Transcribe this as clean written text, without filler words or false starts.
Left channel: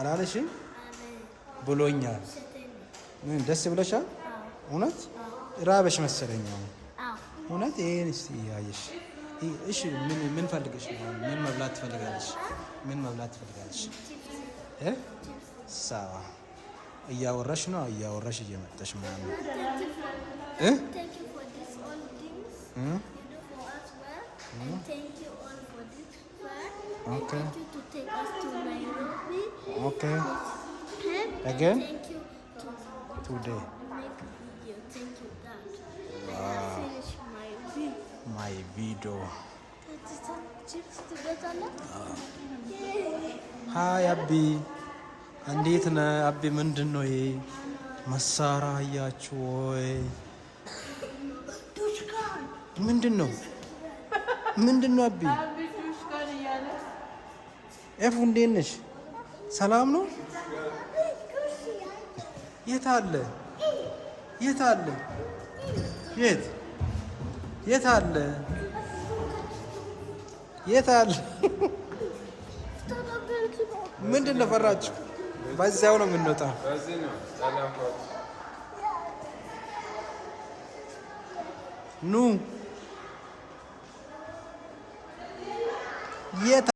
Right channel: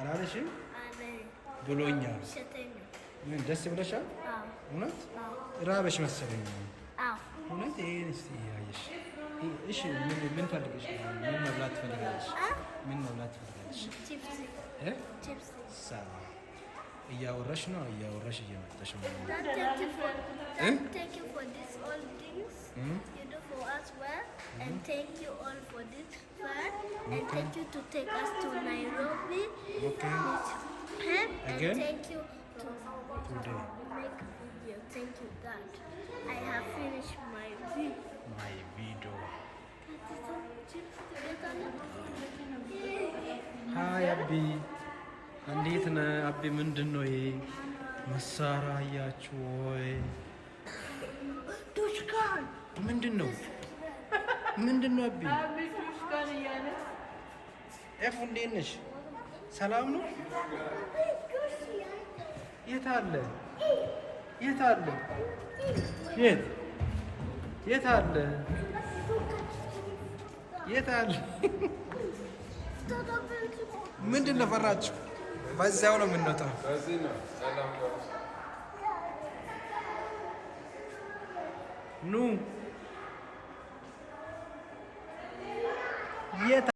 አላለሽም? ብሎኛል። ምን ደስ ብለሻል? እውነት ራበሽ መሰለኝ። እውነት ይሄን እስቲ ያየሽ። እሺ ምን ፈልገሽ ነው? ምን መብላት ትፈልጋለሽ? ምን መብላት ትፈልጋለሽ? ሳዋ እያወራሽ ነው። እያወራሽ እየመጣሽ ምናምን And thank you all for this fun. And thank you to take us to Nairobi. Okay. Again? And thank you to today. Make a video. Thank you, God. I have finished my video. My video. Hi, Abby. እንዴት ነህ አቢ? ምንድን ነው ይሄ መሳሪያ? አያችሁ ወይ? ምንድን ነው? ምንድን ነው አቢ? ኤፉ እንዴት ነሽ? ሰላም ነው? የት አለ? የት አለ? የት የት አለ? የት አለ? ምንድን ነው ፈራችሁ? በዛው ነው የምንወጣው። ኑ የት